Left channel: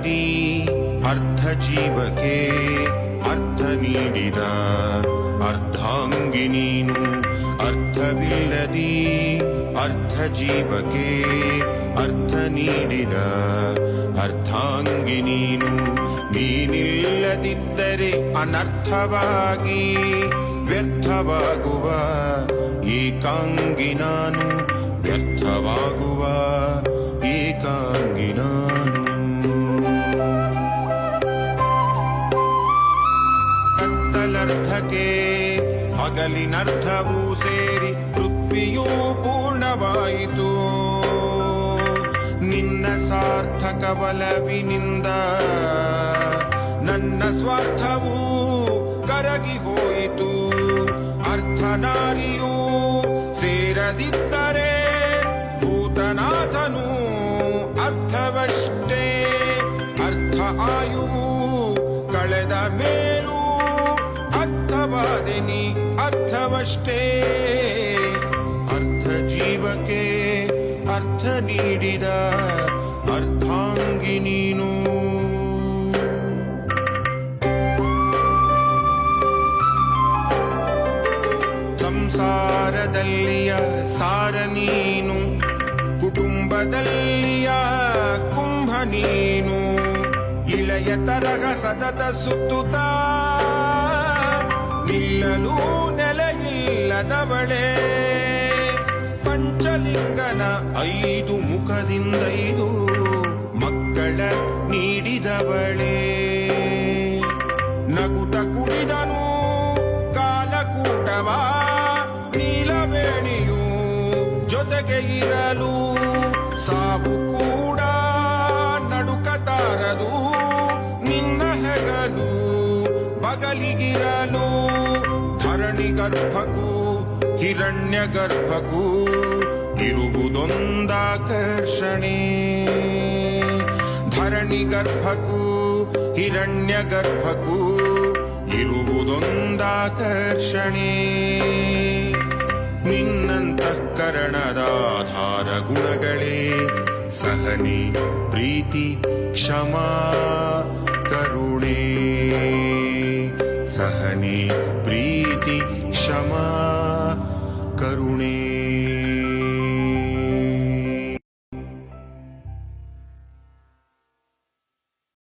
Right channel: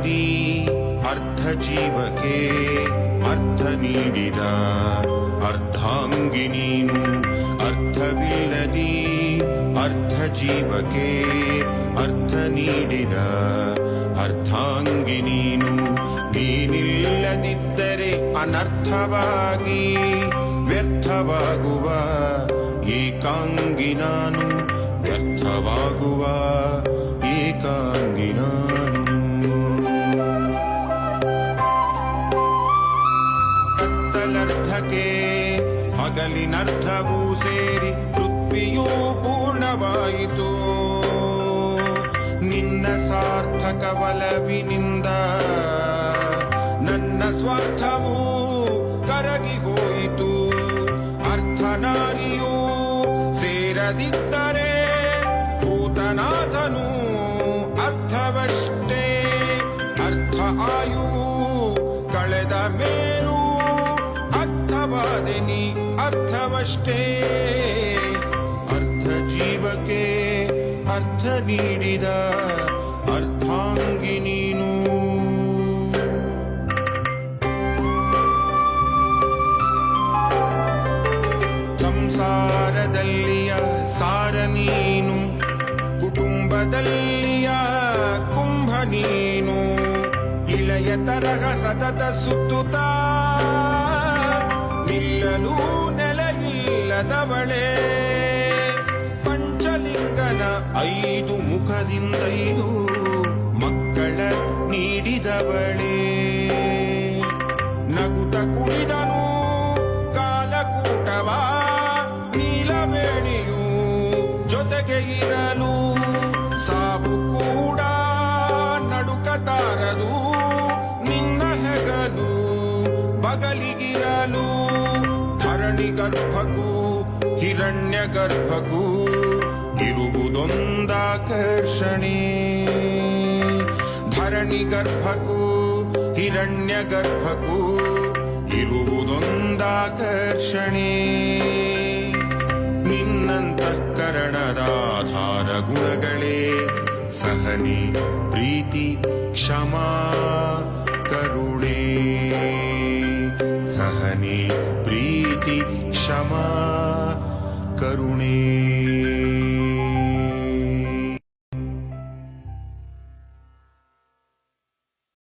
ಅರ್ಥವಿಲ್ಲದಿ ಅರ್ಧ ಜೀವಕ್ಕೆ ಅರ್ಥ ನೀಡಿದ ಅರ್ಧಾಂಗಿ ನೀನು. ಅರ್ಥವಿಲ್ಲದಿ ಅರ್ಧ ಜೀವಕ್ಕೆ ಅರ್ಥ ನೀಡಿದ ಅರ್ಧಾಂಗಿ ನೀನು. ನೀನಿಲ್ಲದಿದ್ದರೆ ಅನರ್ಥವಾಗಿ ವ್ಯರ್ಥವಾಗುವ ಏಕಾಂಗಿ ನಾನು. ವ್ಯರ್ಥವಾಗುವ ಏಕಾಂಗಿ ನಾನು. ಕತ್ತಲರ್ಥಕ್ಕೆ ಹಗಲಿನರ್ಥವೂ ಸೇರಿ ತೃಪ್ತಿಯೂ ಪೂರ್ಣವಾಯಿತು. ನಿನ್ನ ಸಾರ್ಥಕ ಬಲವಿನಿಂದ ನನ್ನ ಸ್ವಾರ್ಥವೂ ಕರಗಿ ಹೋಯಿತು. ಅರ್ಥನಾಲಿಯೂ ಸೇರದಿದ್ದರೆ ಭೂತನಾಥನು ಅರ್ಥವಷ್ಟೇ. ಅರ್ಥ ಆಯು ಕಳೆದ ಮೇಲೂ ಅರ್ಥವಾದೆನಿ ಅರ್ಥವಷ್ಟೇ. ಅರ್ಧ ಜೀವಕ್ಕೆ ಅರ್ಥ ನೀಡಿದ ಅರ್ಧಾಂಗಿ ನೀನು. ಸಂಸಾರದಲ್ಲಿಯ ಸಾರ ನೀನು. ಕುಟುಂಬದಲ್ಲಿಯ ಕುಂಭ ನೀನು. ಇಳೆಯ ತರಹ ಸತತ ಸುತ್ತುತ್ತಾ ನಿಲ್ಲಲು ನೆಲೆಯಿಲ್ಲದವಳೆ. ಪಂಚಲಿಂಗನ 5 ಮುಖದಿಂದೈದು ಮಕ್ಕಳ ನೀಡಿದವಳೇ. ನಗುತ ಕುಡಿದನು ಕಾಲಕೂಟವ ನೀಲವೇಣಿಯು ಜೊತೆಗೆ ಇರಲು. ಸಾವು ಕೂಡ ನಡುಕತಾರದು ನಿನ್ನ ಹೆಗಲು ಬಗಲಿಗಿರಲು. ಧರಣಿ ಗರ್ಭಕ್ಕೂ ಹಿರಣ್ಯ ಗರ್ಭಕ್ಕೂ ಇರುವುದೊಂದಾಕರ್ಷಣೆ. ಧರಣಿ ಗರ್ಭಕ್ಕೂ ಹಿರಣ್ಯ ಗರ್ಭಕ್ಕೂ ಇರುವುದೊಂದಾಕರ್ಷಣೆ. ನಿನ್ನಂತಃಕರಣದಾಧಾರ ಗುಣಗಳೇ ಸಹನೆ ಪ್ರೀತಿ ಕ್ಷಮಾ ಕರುಣೆ. ಸಹನೆ ಪ್ರೀತಿ ಕ್ಷಮಾ ಕರುಣೆ.